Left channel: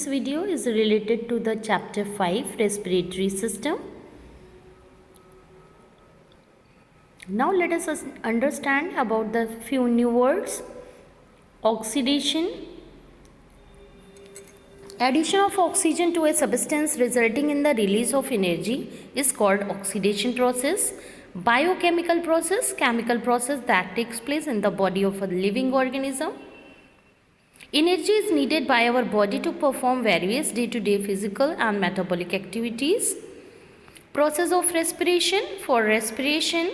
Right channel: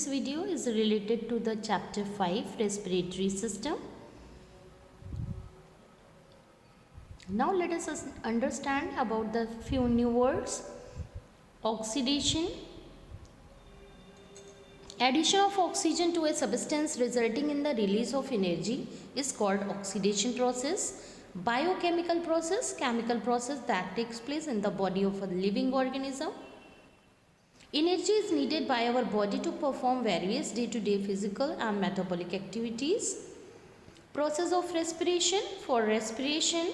This video is related to the chapter 5 respiratory system. Now let us understand about the few new words. Oxidation. Addition of oxygen to a substance resulting in the release of energy is called oxidation process. Biochemical process, chemical process that takes place in the body of a living organism. Energy is needed by our body to perform various day-to-day physical and metabolic activities. Process of respiration. For respiration,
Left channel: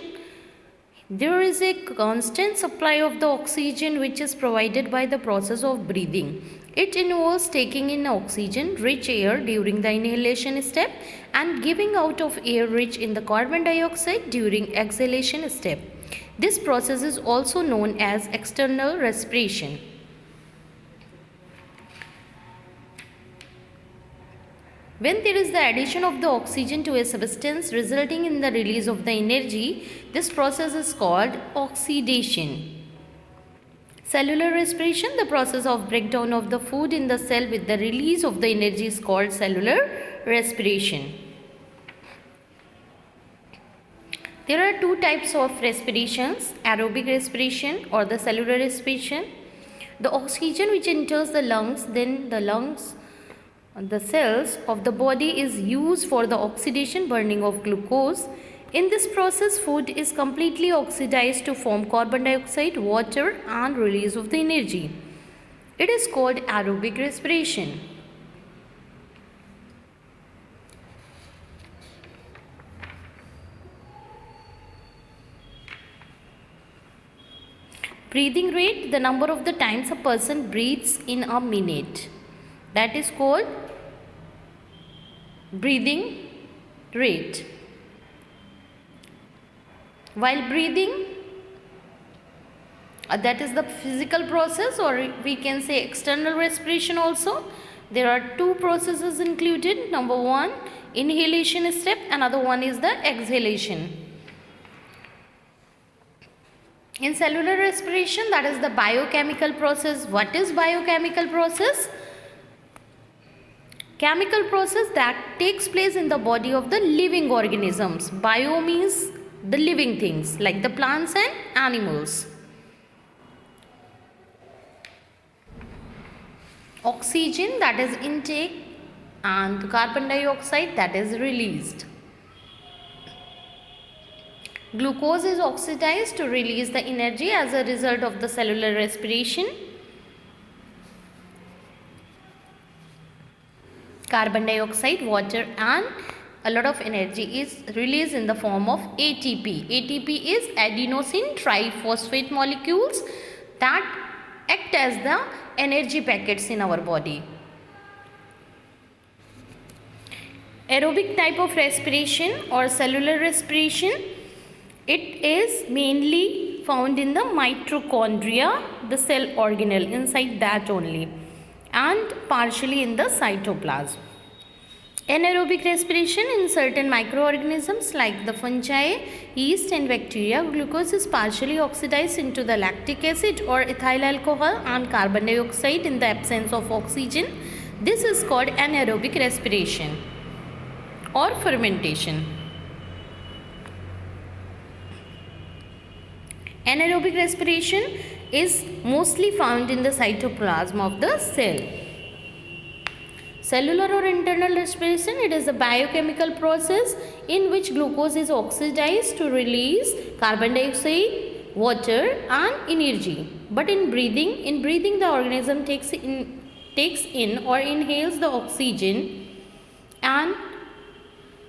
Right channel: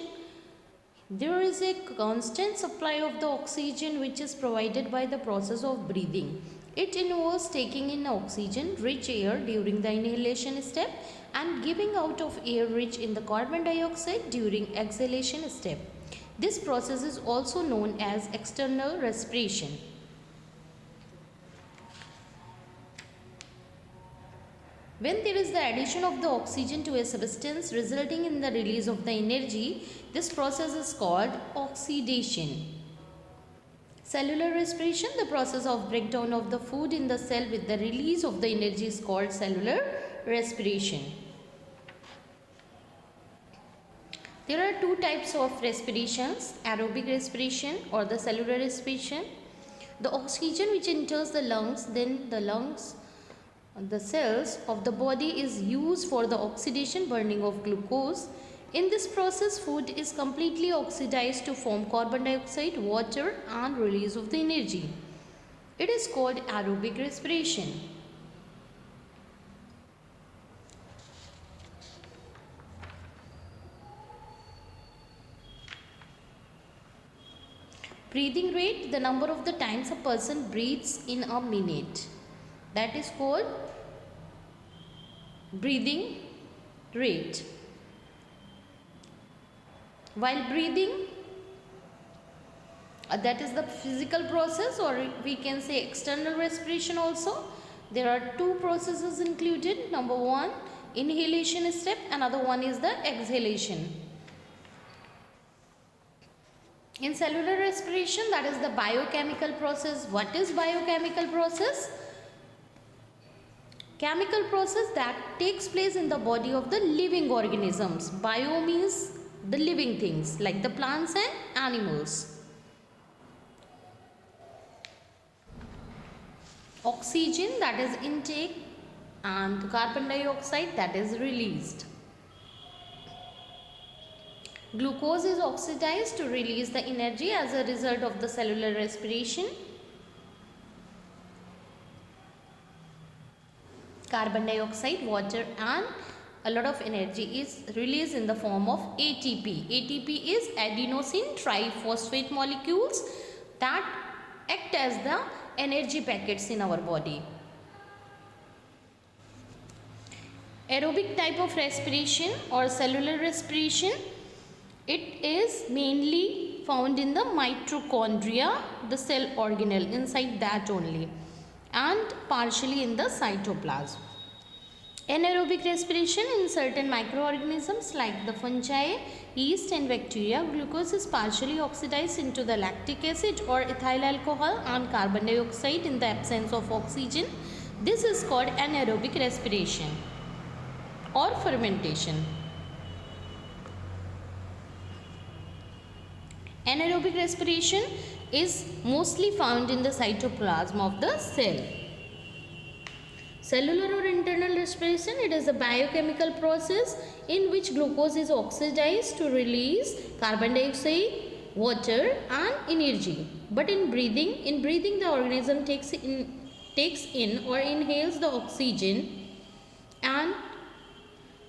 there is a constant supply of the oxygen which is provided by the process of breathing. It involves taking in oxygen-rich air during the inhalation step and giving out of air rich in the carbon dioxide during exhalation step. This process is also known as external respiration. When there is the addition of the oxygen to a substance resulting in the release of the energy, this process is called oxidation. Cellular respiration, the process of breakdown of the food in the cell with the release of the energy is called cellular respiration. There are two types of respirations, aerobic respiration or the cellular respiration. The oxygen which enters the lungs, then the cells of the body is used for the oxidation burning of glucose. In this process, food is completely oxidized to form carbon dioxide, water and release of the energy. It is called aerobic respiration. Breathing rate, the number of the times a person breathes in a minute. That is called breathing rate. While breathing, that is the physical process, or we can say external respiration also. There are two processes included. Number one, inhalation step. Another one is the exhalation. In cellular respiration, that is the biochemical process. What is biochemical process? Chemical process that takes place in the body of the living organisms. Bio means the living things like the plants and animals. Oxygen, that is intake, and carbon dioxide, that is released. Glucose is oxidized to release the energy as a result of the cellular respiration. Carbon dioxide, water and a lot of energy is released in the form of ATP. ATP is adenosine triphosphate molecules that act as the energy packets in our body. Aerobic type of respiration or cellular respiration, it is mainly found in the mitochondria, the cell organelle, inside that only, and partially in the cytoplasm. Anaerobic respiration, in certain microorganisms like the fungi, yeast and bacteria, glucose is partially oxidized into the lactic acid or ethyl alcohol and carbon dioxide in the absence of oxygen. This is called anaerobic respiration or fermentation. Anaerobic respiration is mostly found in the cytoplasm of the cell. Cellular or internal respiration, it is a biochemical process in which glucose is oxidized to release carbon dioxide, water and energy. But in breathing the organism takes in or inhales the oxygen and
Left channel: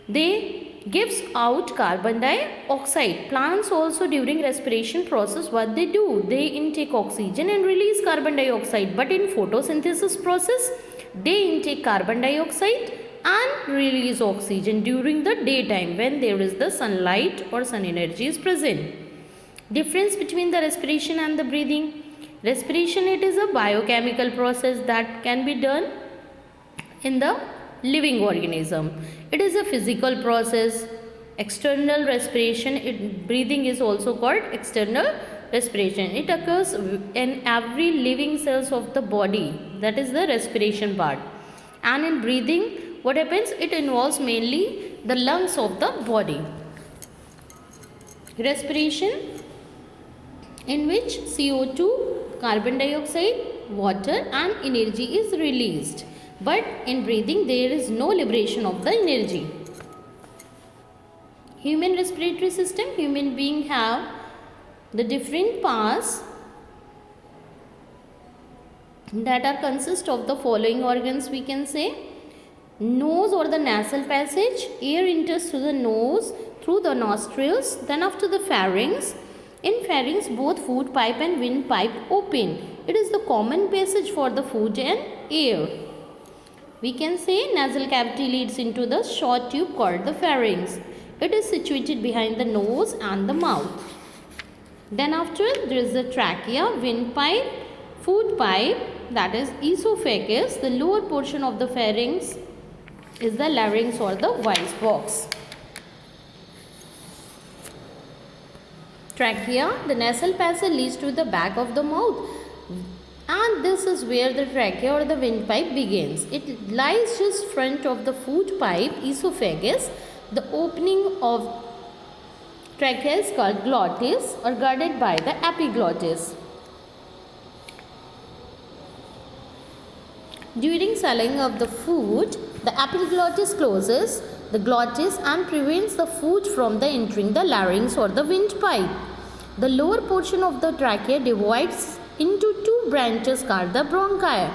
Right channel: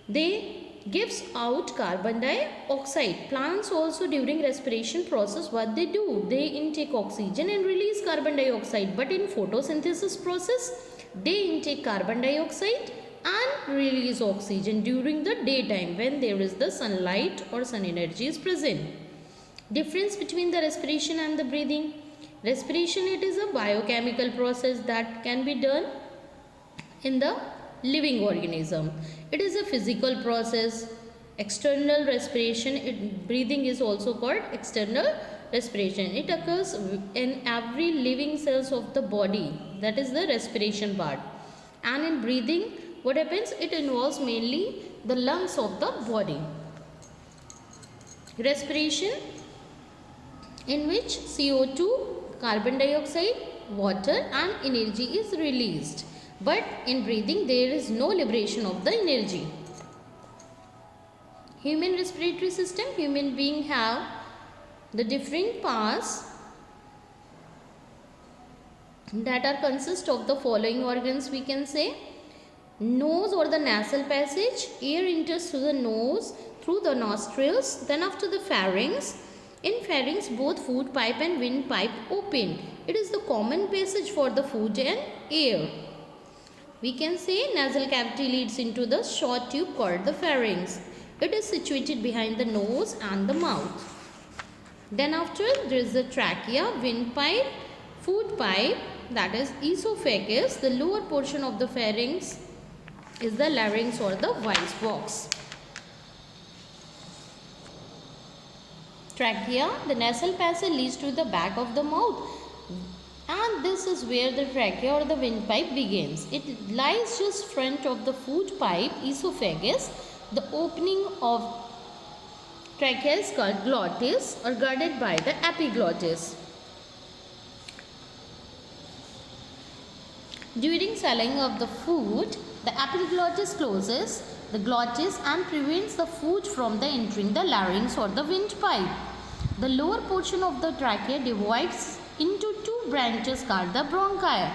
they gives out carbon dioxide. Plants also during respiration process, what they do? They intake oxygen and release carbon dioxide. But in photosynthesis process, they intake carbon dioxide and release oxygen during the daytime when there is the sunlight or sun energy is present. Difference between the respiration and the breathing. Respiration, it is a biochemical process that can be done in the living organism. It is a physical process. External respiration, breathing is also called external respiration. It occurs in every living cells of the body. That is the respiration part. And in breathing, what happens? It involves mainly the lungs of the body. Respiration, in which CO2, carbon dioxide, water and energy is released. But in breathing, there is no liberation of the energy. Human respiratory system, human being have the different parts that are consist of the following organs, we can say. Nose or the nasal passage, air enters through the nose through the nostrils, then after the pharynx. In pharynx, both food pipe and windpipe open. It is the common passage for the food and air. We can say nasal cavity leads into the short tube called the pharynx. It is situated behind the nose and the mouth. Then after, there is the trachea, windpipe, food pipe, that is esophagus. The lower portion of the pharynx is the larynx or the voice box. Trachea, the nasal passage leads to the back of the mouth, and this is where the trachea or the windpipe begins. It lies just front of the food pipe, esophagus. The opening of trachea is called glottis or guarded by the epiglottis. During swallowing of the food, the epiglottis closes the glottis and prevents the food from entering the larynx or the windpipe. The lower portion of the trachea divides into two branches called the bronchi,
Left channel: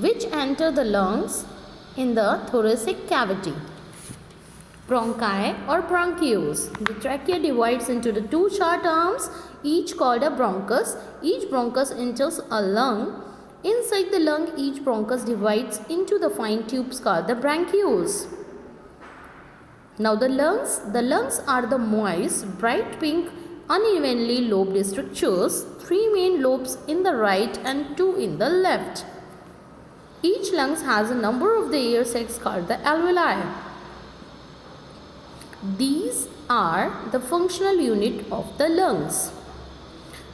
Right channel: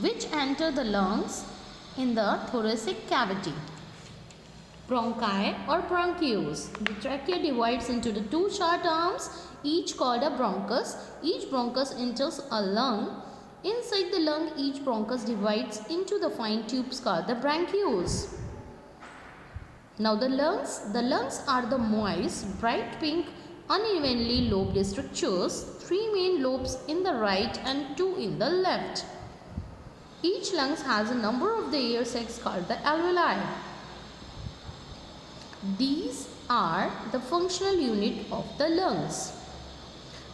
which enter the lungs in the thoracic cavity. Bronchi or bronchioles. The trachea divides into the two short arms, each called a bronchus. Each bronchus enters a lung. Inside the lung, each bronchus divides into the fine tubes called the bronchioles. Now the lungs are the moist, bright pink, unevenly lobed structures, three main lobes in the right and two in the left. Each lung has a number of the air sacs called the alveoli. These are the functional unit of the lungs.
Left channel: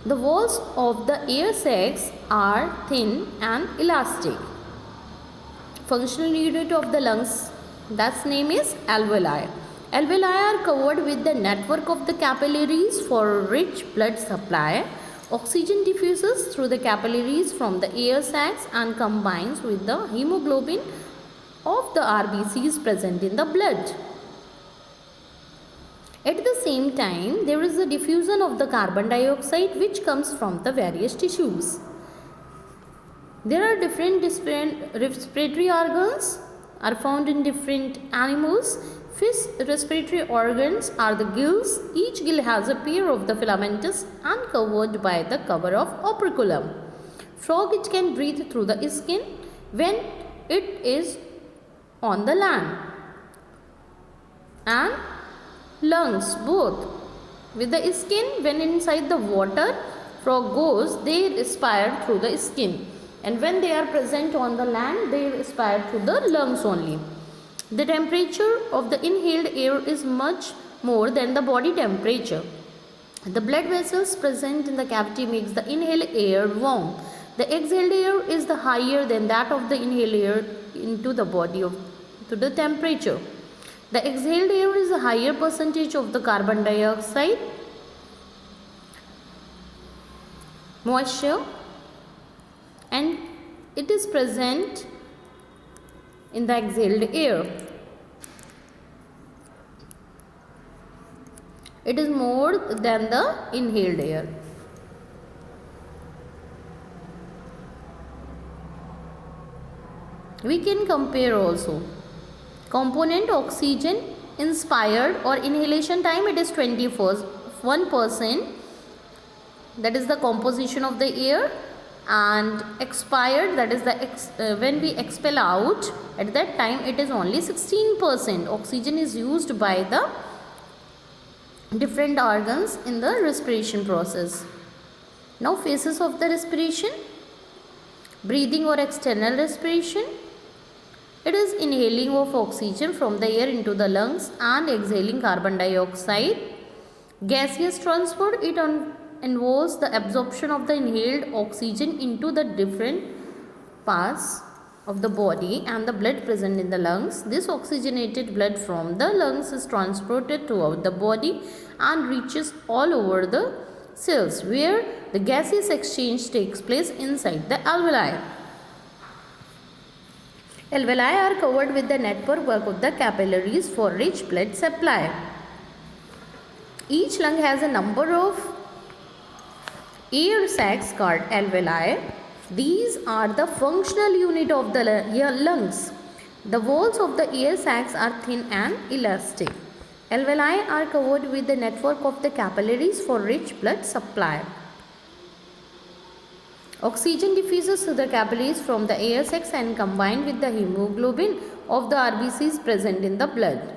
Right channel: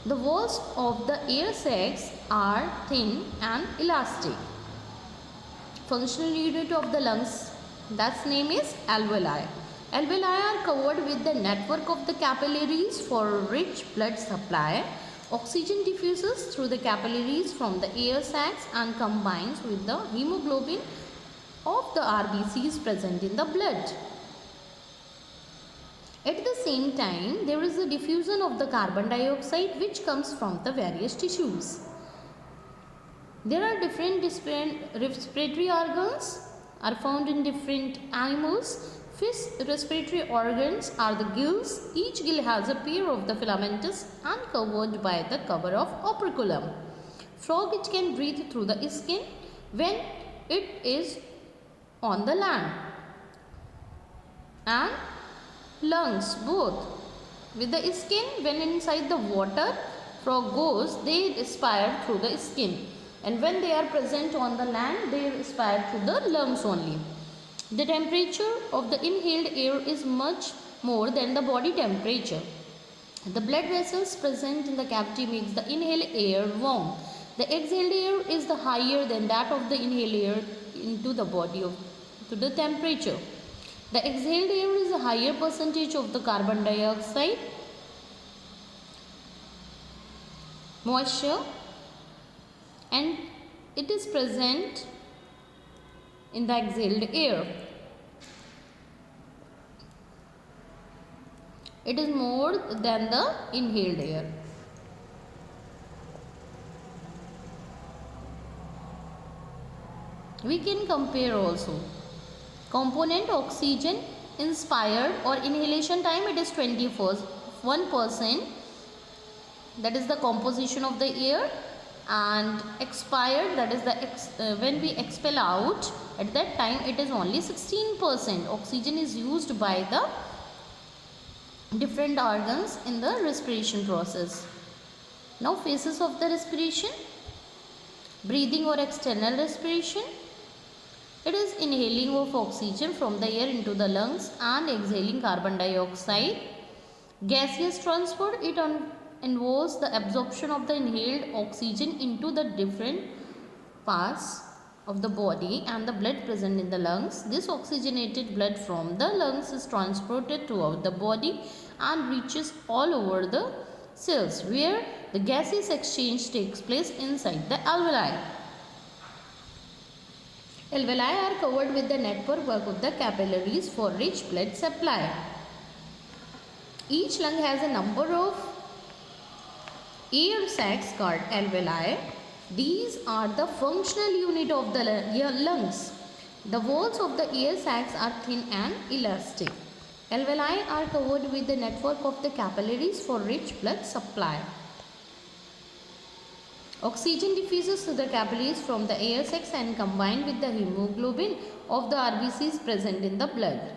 The walls of the air sacs are thin and elastic. Functional unit of the lungs, that's name is alveoli. Alveoli are covered with the network of the capillaries for rich blood supply. Oxygen diffuses through the capillaries from the air sacs and combines with the hemoglobin of the RBCs present in the blood. At the same time, there is a diffusion of the carbon dioxide which comes from the various tissues. There are different respiratory organs are found in different animals. Fish respiratory organs are the gills. Each gill has a pair of the filamentous and covered by the cover of operculum. Frog, it can breathe through the skin when it is on the land, and lungs both. With the skin, when inside the water, frog goes, they respire through the skin, and when they are present on the land, they respire through the lungs only. The temperature of the inhaled air is much more than the body temperature. The blood vessels present in the cavity makes the inhaled air warm. The exhaled air is the higher than that of the inhaled air into the body to the temperature. The exhaled air is a higher percentage of the carbon dioxide, moisture, and it is present in the exhaled air. It is more than the inhaled air. We can compare also. Component oxygen inspired or inhalation time, it is 21%. That is the composition of the air. And expired, that is the when we expel out, at that time it is only 16%. Oxygen is used by the different organs in the respiration process. Now phases of the respiration. Breathing or external respiration. It is inhaling of oxygen from the air into the lungs and exhaling carbon dioxide. Gaseous transport, it involves the absorption of the inhaled oxygen into the different parts of the body and the blood present in the lungs. This oxygenated blood from the lungs is transported throughout the body and reaches all over the cells where the gaseous exchange takes place inside the alveoli. Alveoli are covered with the network of the capillaries for rich blood supply. Each lung has a number of air sacs called alveoli. These are the functional unit of the lungs. The walls of the air sacs are thin and elastic. Alveoli are covered with the network of the capillaries for rich blood supply. Oxygen diffuses through the capillaries from the air sacs and combined with the hemoglobin of the RBCs present in the blood.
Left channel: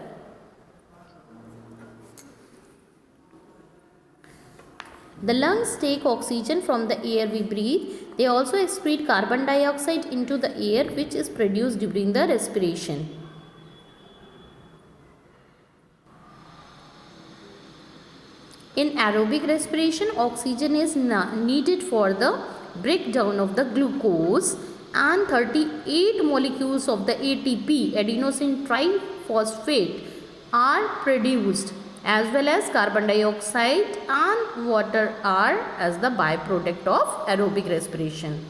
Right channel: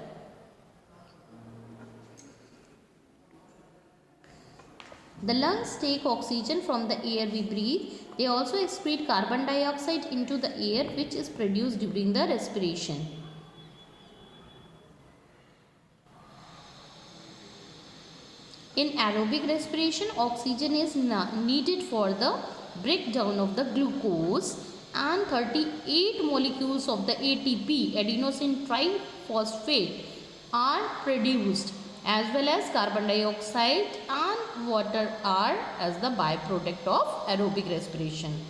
The lungs take oxygen from the air we breathe. They also excrete carbon dioxide into the air which is produced during the respiration. In aerobic respiration, oxygen is needed for the breakdown of the glucose and 38 molecules of the ATP, adenosine triphosphate, are produced, as well as carbon dioxide and water are as the byproduct of aerobic respiration.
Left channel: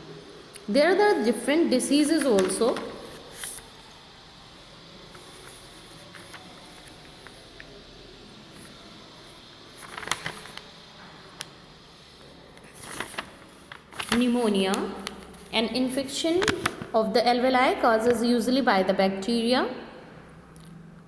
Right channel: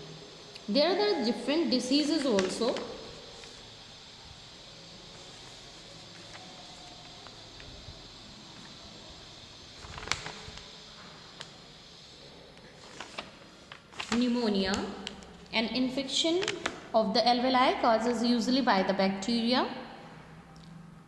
There are the different diseases also. Pneumonia, an infection of the alveoli causes usually by the bacteria.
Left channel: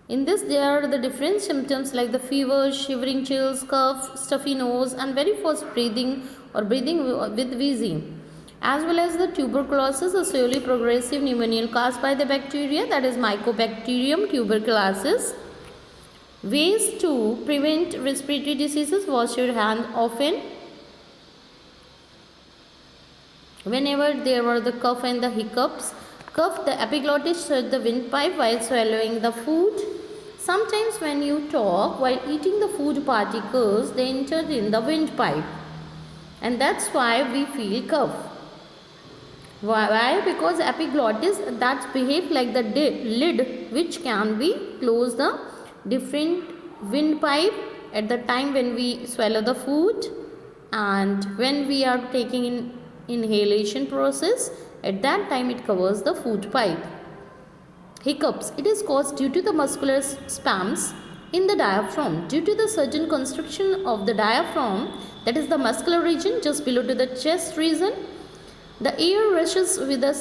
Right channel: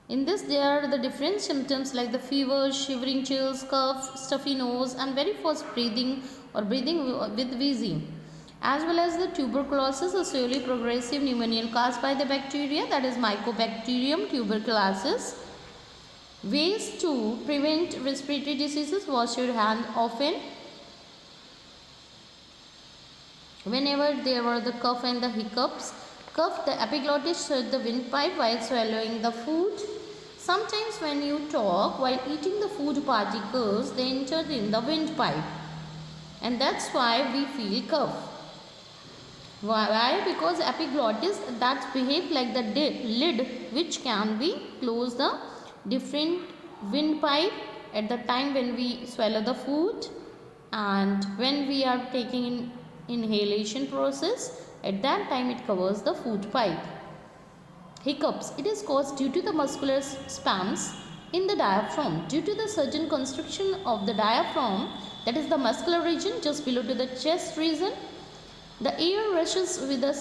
In this, there are the different symptoms like the fever, shivering chills, cough, stuffy nose, and very fast breathing or breathing with wheezing, as well as the tuberculosis, a slowly progressive pneumonia caused by the bacteria, that is Mycobacterium tuberculosis. Ways to prevent respiratory diseases: wash your hand often. Whenever there were the cough and the hiccups, cough the epiglottis through the windpipe while swallowing the food. Sometimes when you talk while eating, the food particles they enter in the windpipe, and that's why we feel cough. Why? Because epiglottis that behave like the lid which can be close the different windpipe at the time when we swallow the food and when we are taking in inhalation process, at that time it covers the food pipe. Hiccups, it is caused due to the muscular spasms in the diaphragm due to the sudden constriction of the diaphragm, that is the muscular region just below to the chest region. The air rushes with a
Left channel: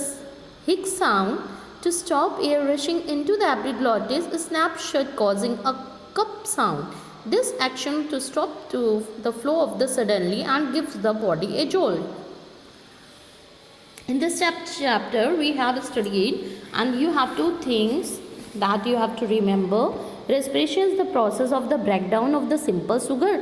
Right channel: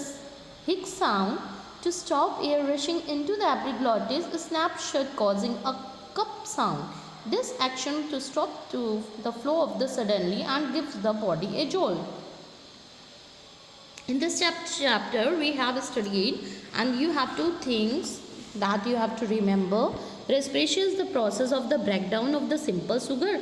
hic sound. To stop air rushing into the epiglottis, snaps shut, causing a cup sound. This action to stop to the flow of the suddenly and gives the body a jolt. In this chapter, we have studied, and you have two things that you have to remember. Respiration is the process of the breakdown of the simple sugar